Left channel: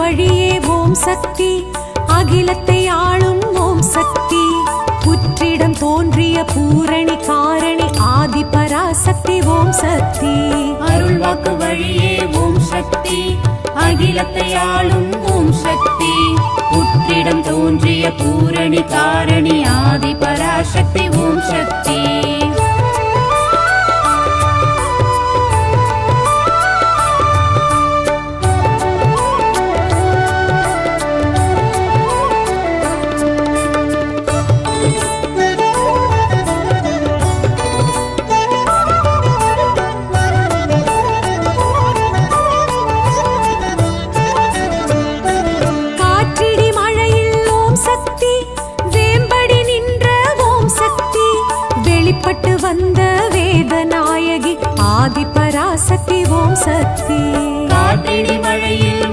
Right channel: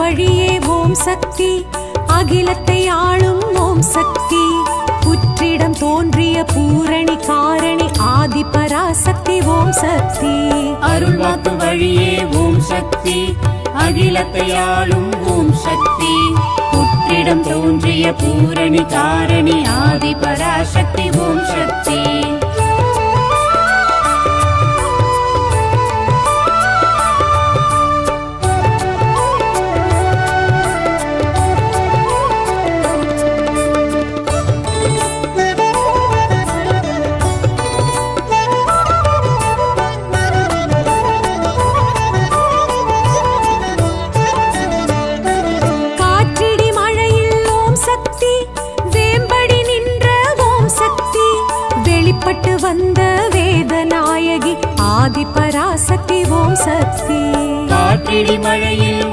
வழியே ஓம் சக்தி, அகிலத்தை ஆளும் ஓம் சக்தி, புற்றிடம் தோன்றிய பூரணி காரணி ஆதி பராசக்தி ஓம் சக்தி. அருள்வாக்கு வழியே ஓம் சக்தி, அகிலத்தை ஆளும் ஓம் சக்தி, புற்றிடம் தோன்றிய பூரணி காரணி ஆதி பராசக்தி ஓம் சக்தி. வெளிப்பட்டு வந்த வேதநாயகி ஆதி பராசக்தி ஓம் சக்தி. காற்றிடி மழையில்